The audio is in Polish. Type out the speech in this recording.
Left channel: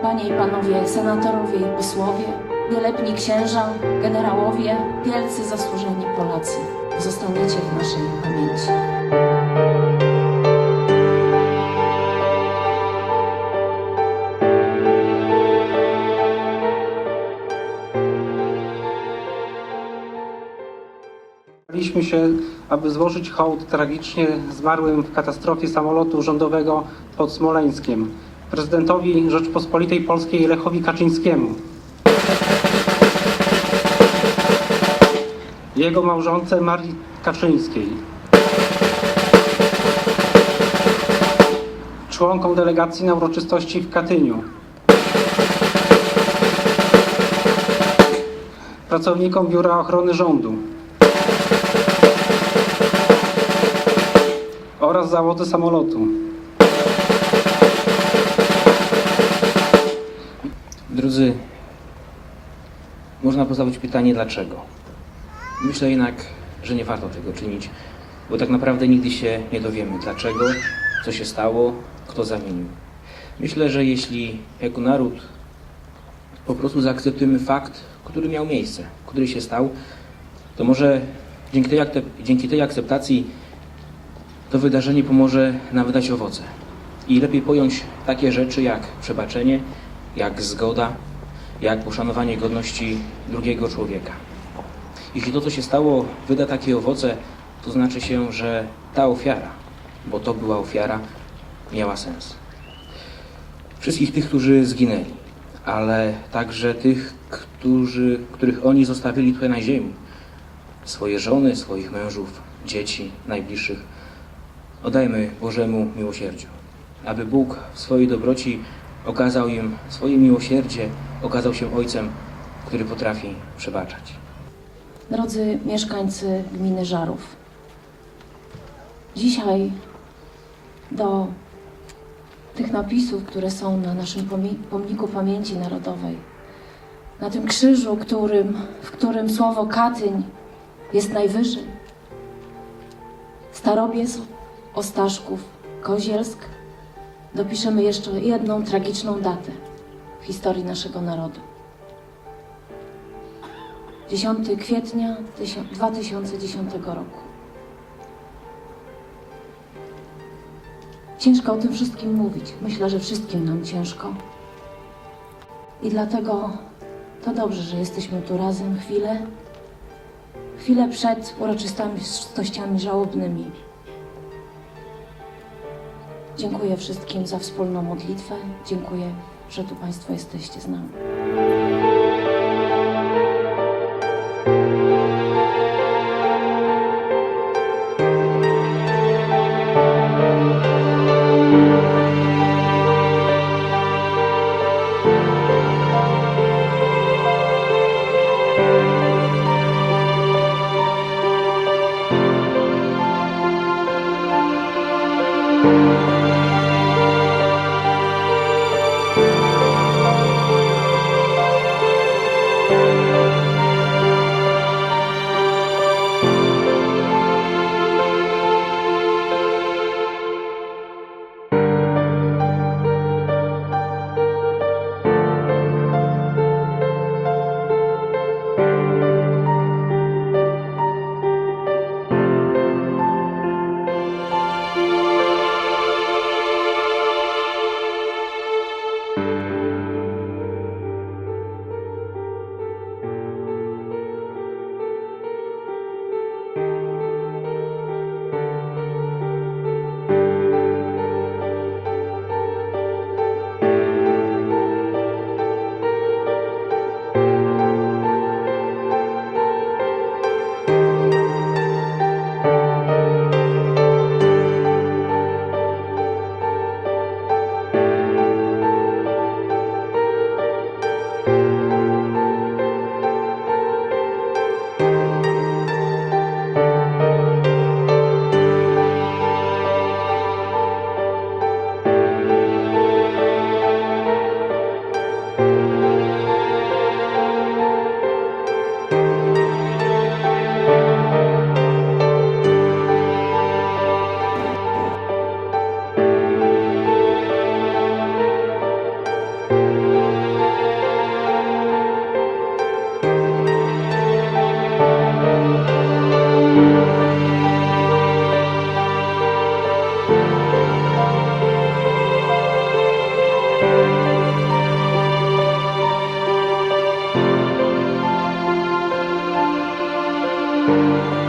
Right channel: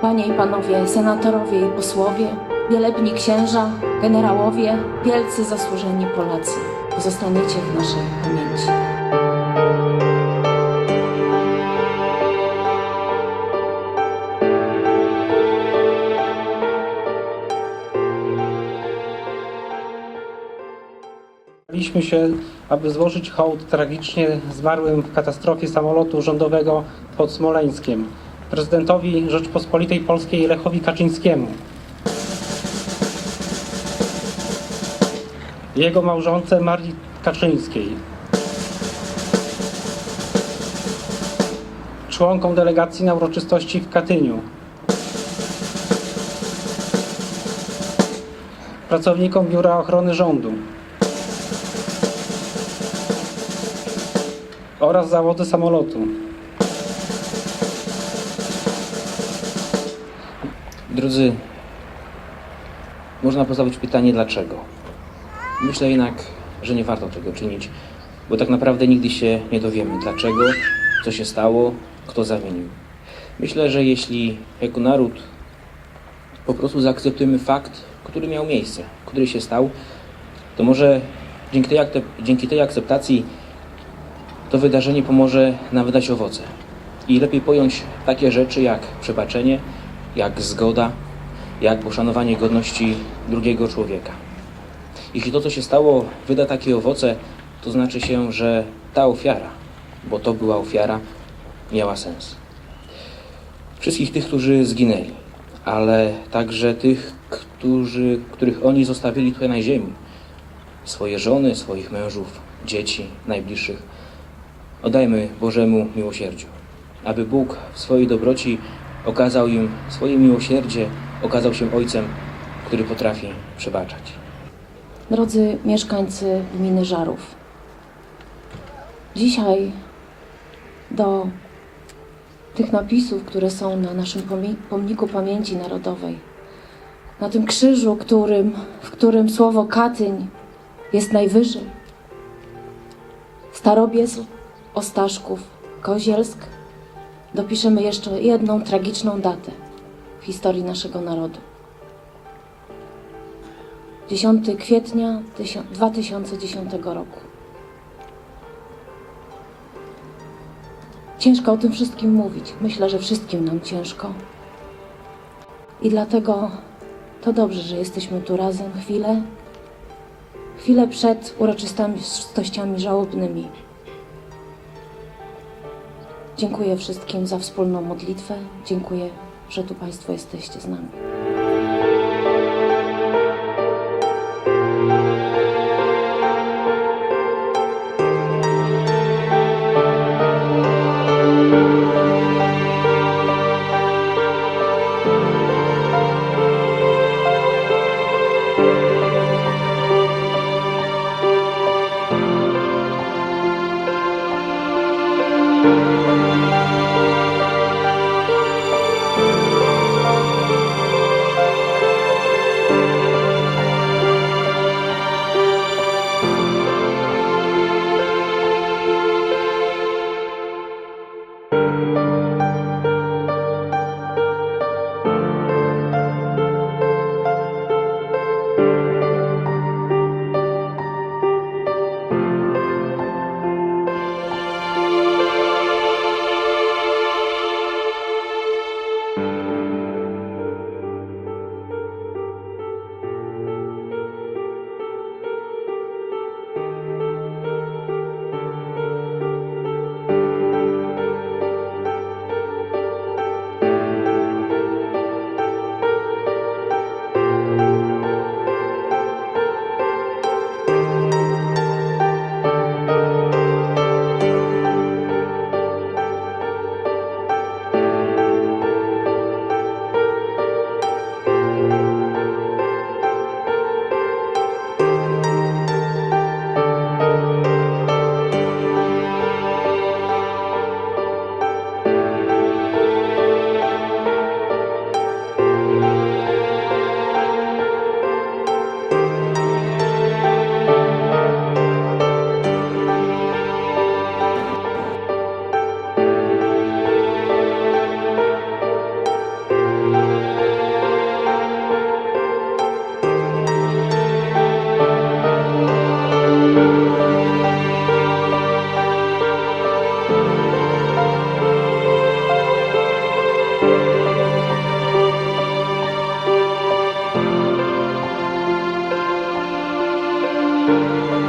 panie i panowie senatorowie i posłowie, wielebni księża, generałowie, wielcy zasłużeni Polacy, zostaniecie w naszej pamięci. Zbieraliśmy się, aby złożyć hołd tragicznie zmarłym w katastrofie samolotu rządowego pod Smoleńskiem prezydentowi Rzeczpospolitej Polskiej Lechowi Kaczyńskiemu. Jego małżonce Marii Kaczyńskiej. Członkom delegacji na uroczystości w Katyniu. Pracownikom Biura Ochrony Rządu. oraz załogi samolotu. Drodzy, można postawić pytanie dlaczego. Myślę jednak, że nie warto tego czynić, bo tak naprawdę nigdy się nie dowiemy dlaczego, co się stało, kto zamienił. Myślę, że jeśli jako naród po prostu zaakceptujemy fakt, który miał miejsce, który się stał, to może dzięki tej, dzięki tej akceptacji to wydarzenie pomoże nam wydać owoce. I lepiej pojąć takie rzeczy jak przebaczenie, jak zgoda, jak poszanowanie godności drugiego człowieka. Jeśli to, co się stało, wyda takie owoce, to znaczy się, że ta ofiara, bo to była ofiara, miała sens. Wszystkich tych, którzy zginęli, ale także tych, którzy, których oni zostawili tutaj na ziemi, swoje żony, swoich mężów, dzieci, najbliższych, oddajmy Bożemu miłosierdziu, aby Bóg w swojej dobroci okazał im swoje miłosierdzie, okazał się Ojcem, który potrafi przebaczać. Drodzy mieszkańcy gminy Żarów, dzisiaj do tych napisów, które są na naszym pomniku pamięci narodowej, na tym krzyżu, którym, w którym słowo Katyń jest najwyżej, Starobiec, Ostaszków, Kozielsk, dopiszemy jeszcze jedną tragiczną datę w historii naszego narodu. 10 kwietnia 2010 roku. Ciężko o tym wszystkim mówić. Myślę, że wszystkim nam ciężko. I dlatego to dobrze, że jesteśmy tu razem chwilę, chwilę przed uroczystościami żałobnymi. Dziękuję wszystkim za wspólną modlitwę. Dziękuję, że tu Państwo jesteście z nami. Música